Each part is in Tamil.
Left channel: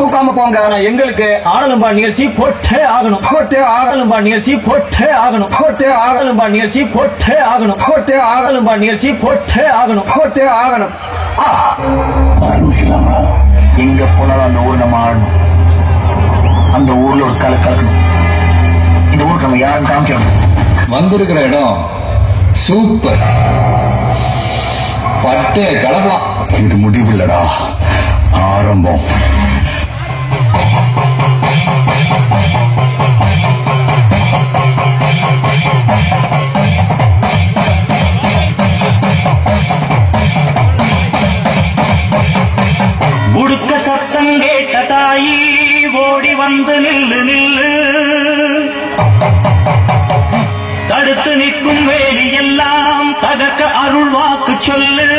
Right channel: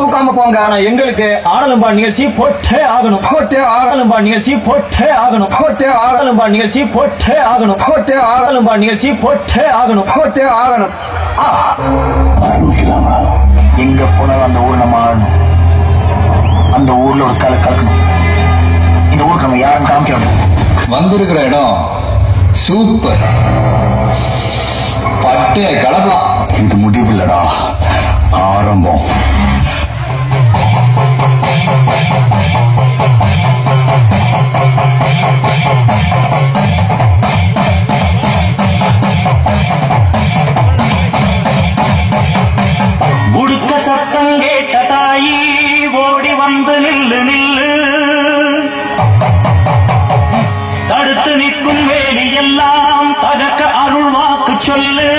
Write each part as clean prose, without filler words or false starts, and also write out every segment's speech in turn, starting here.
தூக்காம போங்க. ஆனா எங்களுக்கு ஆனலும்பா நிகழ்ச்சி போட்டே ஆகணும். போட்டே ஆகலும்பா நிகழ்ச்சி போட்டே ஆகணும். போட்டே ஆகலும்பா நிகழ்ச்சி போட்டே ஆகணும். போட்டே ஆகலும்பா நிகழ்ச்சி போட்டே ஆகணும். போட்டே ஆகணும். எங்க போனாலும் அந்த ஊர் நம்ம ஆளணும். அந்த ஊர்ல ஒரு கலக்கணும். இந்த ஊருக்கு நம்ம யாரும் காமிக்கணும். வந்திருக்கிற இடம் சூப்பர். பட்டே கலக்கலாம். இது முடிவில்லடா, ஆரம்பம். உடுக்க சத்தம் கேட்ட தாயி ஓடி வந்து நில்லு நில்லு, தடுத்து நிற்கும் வேலி எல்லாம் தகக்க அருள் வாக்கு சொல்லு.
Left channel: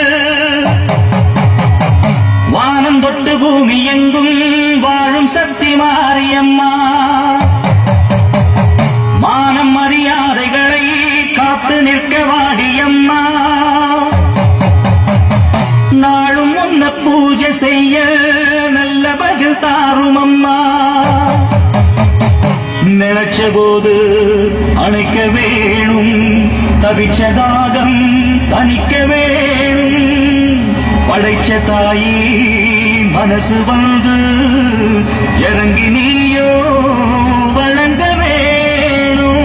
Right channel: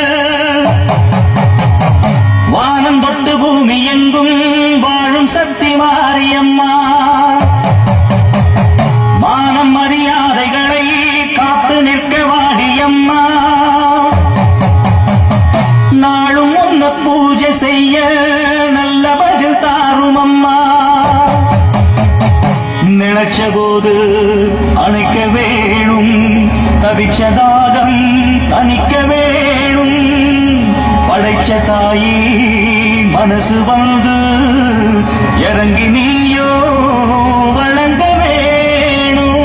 வானம் தொட்டு பூமி எங்கும் வாழும் சக்தி மாரியம்மா, மானம் மரியாதைகளை காத்து நிற்க வாடியம்மா. நாளும் உன்ன பூஜை செய்ய நல்ல பதில் தாரும் அம்மா. நினைச்ச போது அணைக்க வேணும், தவிச்சதாகம் தணிக்க வேணும். படைச்ச தாயி மனசு வந்து இறங்கி நீயோ வழங்க வேணும்.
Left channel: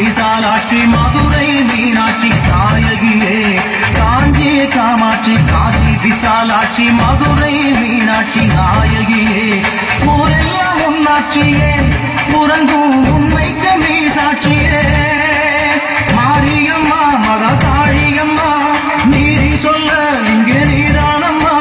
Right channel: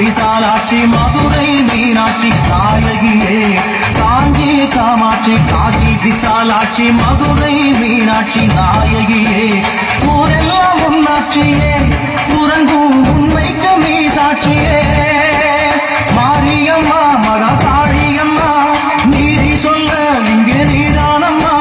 விசாலாட்சி மதுரை மீனாட்சி நாயகியே, காஞ்சி காமாட்சி காசி விசாலாட்சி மதுரை மீனாட்சி நாயகியே. ஊரெல்லாம் உன்னாட்சியே, உறங்கும் உண்மைக்கு நீ சாட்சியே. மாரியம்மா மகா காளியம்மா, நீதி சொல்ல இங்கே நீதானம்மா.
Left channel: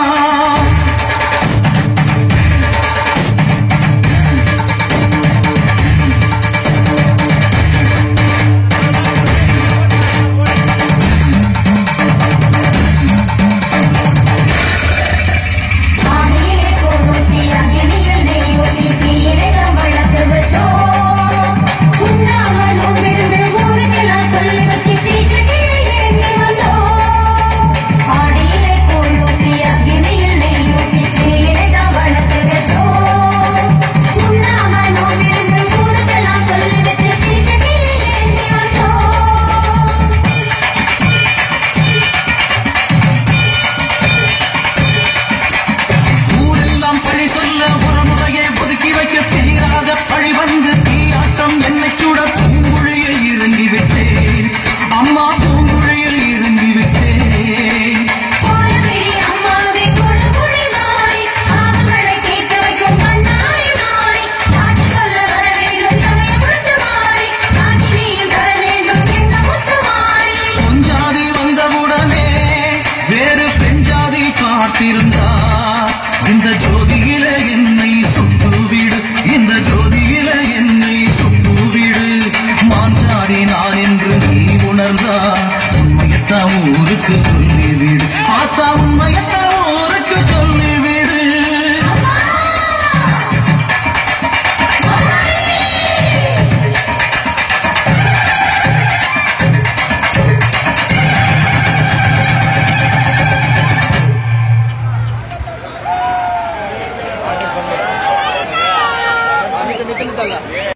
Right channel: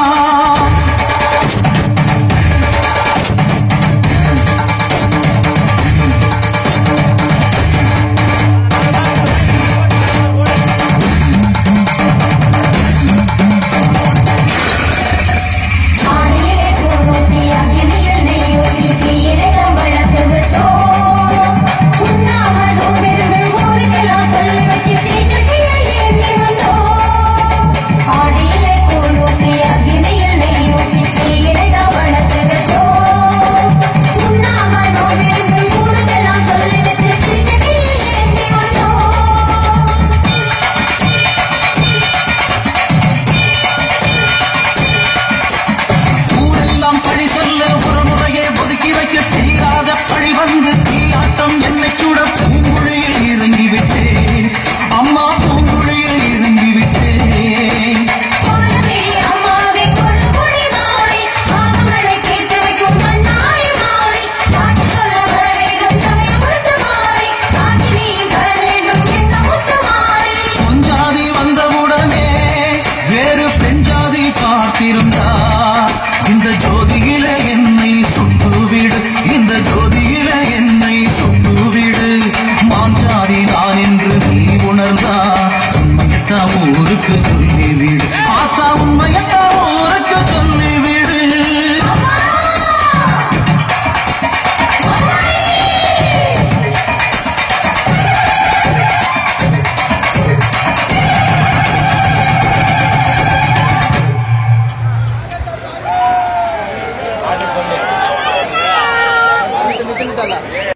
இந்த ஜோதியில என்னை சுட்டுவிடு, இந்த ஜோதியில என்னை சுட்டுவிடு. மாஞ்சாதி நான் என்று நீ உணர்ந்தா உண்மையத்தான் ஊருக்கு சொல்லிவிடு. ஆத்தா உண்மையத்தான்